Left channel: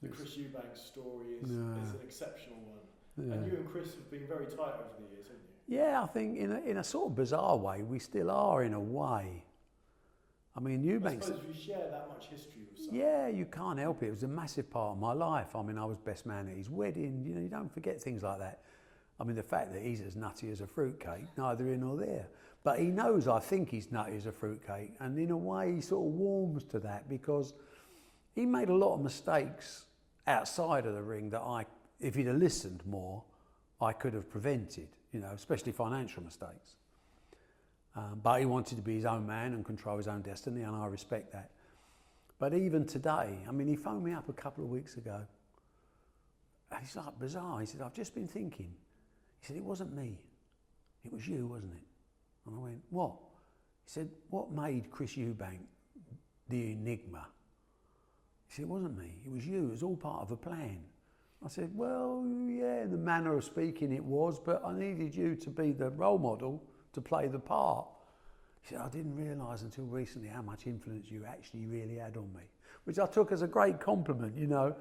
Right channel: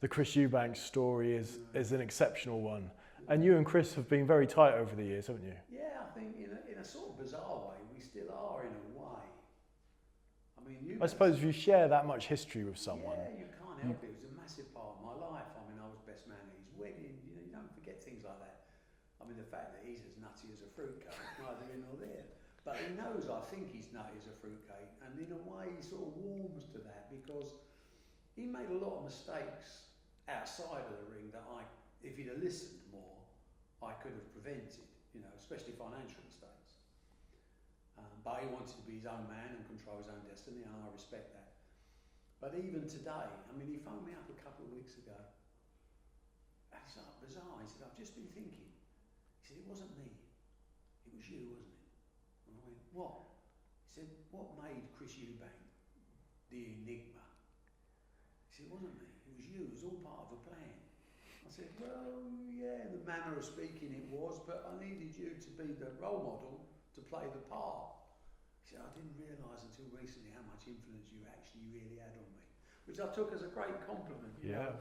the Chris Eubank story is an exceptional one. Yeah. And you and Chris have been very tight over the years, haven't you? Yeah, I think in a sort of bizarre way, we still are in a way. I mean, Eubank's, I suppose if you share that much history with someone. Yeah, you can't help it. It was a massive part of my life. I mean, I was best man at his wedding. You know, you don't forget things like that. I mean, the fact that he's as nutty as a fruitcake, neither here nor there. But he knows I think he's nutty as a fruitcake. And in a way, he sort of warms to that because he made a lot of mistakes outside of the ring that if he'd have listened more, I could have prevented, you know, especially financial mistakes. But he wanted to be his own man and control his own destiny, and I respect that. But even today, I mean, he phoned me up a couple of weeks ago, and he's like, bizarre. He said, I've just been thinking. He said, it wasn't me. It was you, wasn't it? And I went, what? He said, what made Chris Eubank the enigma? He said, it wasn't me. It was you. It was all part of a plan. I said, well, yeah, in the manner of speaking it was, but I needed you to be the role model to play the part. He said, I didn't realise until recently how much influence you actually really had on me, which I took as a great compliment, you know.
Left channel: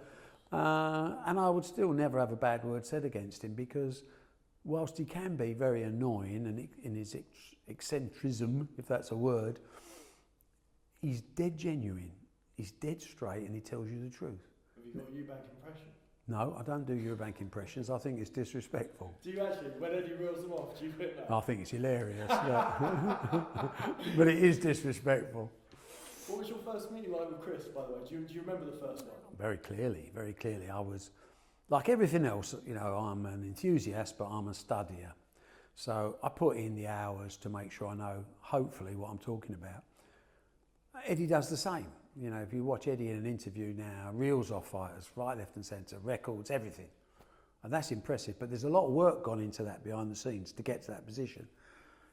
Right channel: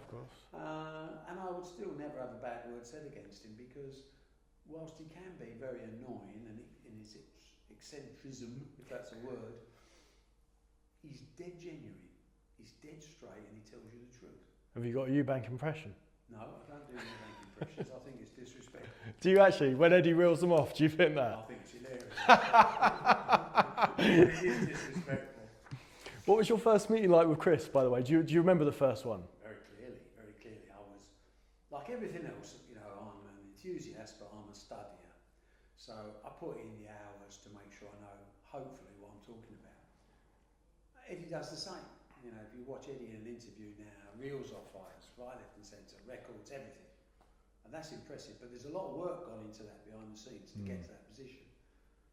And I would still never have a bad word said against him because whilst he can be very annoying and in his eccentricism, if that's a word, he's dead genuine, he's dead straight and he tells you the truth. Have you got a Eubank impression? No, I don't do Eubank impressions. I think it's disrespectful. Do you actually? When Eddie reels them off, do you think that? I think it's hilarious. But it is disrespectful. What was your first meeting like with Chris, by the way? Do you remember the first one? Very clearly, very clearly. I was, like everything else, you know, I'm an enthusiast, but I'm a studier. So I put in the hours to make sure I know, hopefully, what I'm talking about. Eddie does the same. You know, if you watch Eddie in an interview now, reels off fighters, right, left and centre, records, everything. And that's impressive, but there's a lot of work gone into that behind the scenes to get to that position.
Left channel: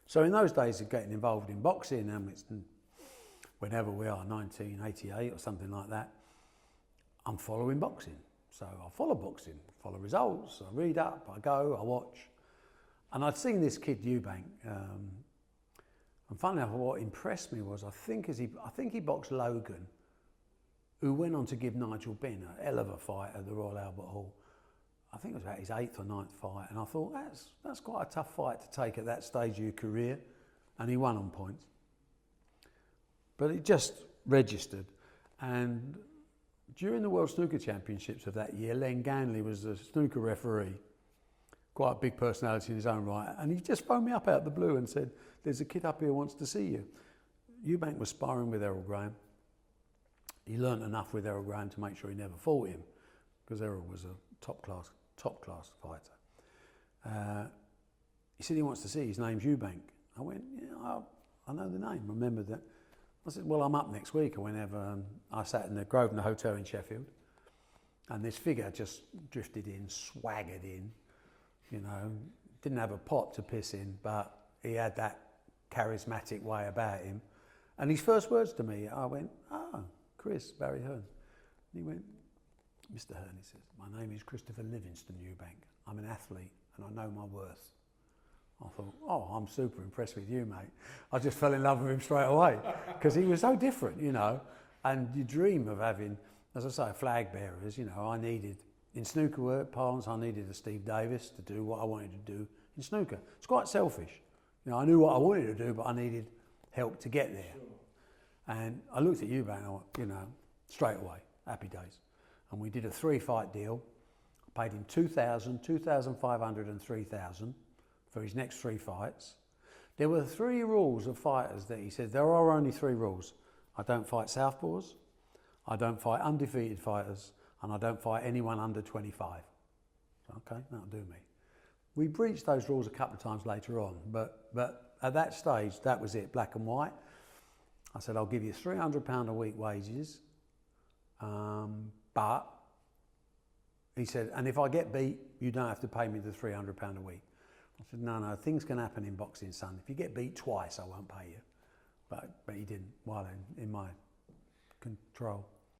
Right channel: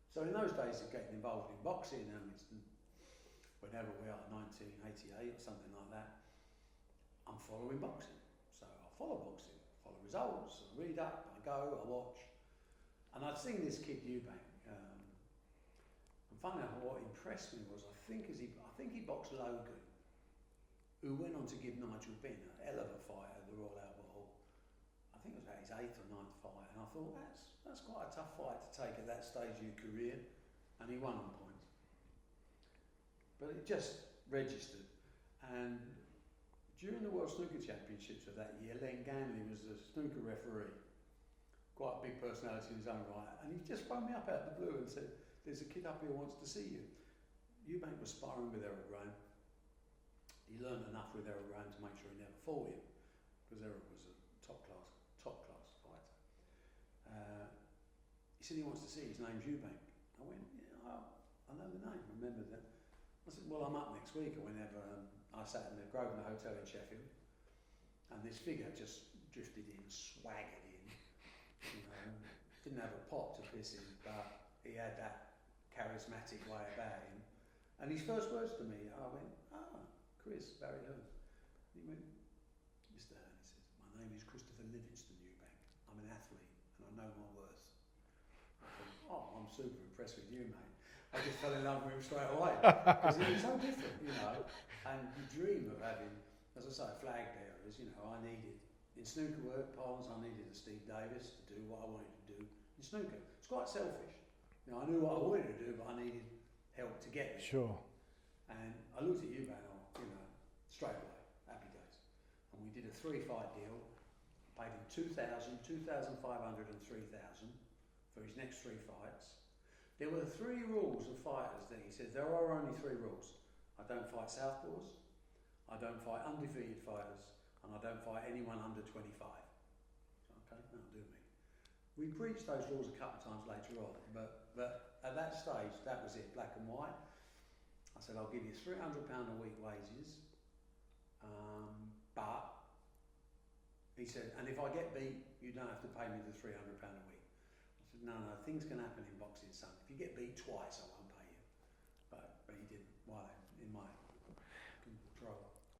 So in those days of getting involved in boxing, it's whenever we are, 1988 or something like that, I'm following boxing. So I follow boxing, follow results, I read up, I go, I watch. And I'd seen this kid Eubank, and funnily enough, what impressed me was I think he boxed Logan, who went on to give Nigel Benn a hell of a fight at the Royal Albert Hall. I think it was about his 8th or 9th fight, and I thought that's quite a tough fight to take at that stage of your career, and he won on points. But it just registered, and during the World Snooker Championships of that year, Len Ganley was the snooker referee, quite a big personality in his own right, and he just phoned me up out of the blue and said, there's a kid up here who wants to see you. Eubank was sparring with Errol Graham. He learnt enough with Errol Graham to make sure he never fought him, because Errol was a top class fighter. He said he wants to see you. His name's Eubank. I went, yeah, I know the name, remember that. I said, well, I'm up next week or whenever. I sat in the Grosvenor Hotel in Sheffield, and this figure just drifted in, swaggered in, you know, didn't have a pot to piss in, but he had that charismatic way about him. And his first words to me, I went, Chris, Barry Hearn. And he went, Mr. Hearn, he says, my name is Christopher Livingston Eubank. I'm an athlete and I know my worth. I thought, I'm super impressed with you, mate. I just fell in love with him straight away because he was so different, you know. And you dream of having, as I say, flag bearers, you know. I needed, in snooker parlance, I needed a Steve Davis to do what I wanted to do in snooker. It's quite selfish. You know, I knew what I wanted to do, but I needed help to get there. Sure. And I looked at Eubank, you know, straight away, happy days. And we did a 3-fight deal. I paid him 2,000, 2,500 and 3,000 for his next 3 fights. There were 3 rules of fighters that he said, there are only 3 rules. I don't fight southpaws, I don't fight undefeated fighters, and I don't fight anyone under 25. Okay, that'll do me. We breached those rules a couple of times later on, but at that stage, that was it, black and white. I said, I'll give you £300 a week wages, but he said, and if I get beat, you don't have to pay me the £300 a week. I said, no, things can happen in boxing, son. If you get beat twice, I won't pay you. But he didn't, while in my control.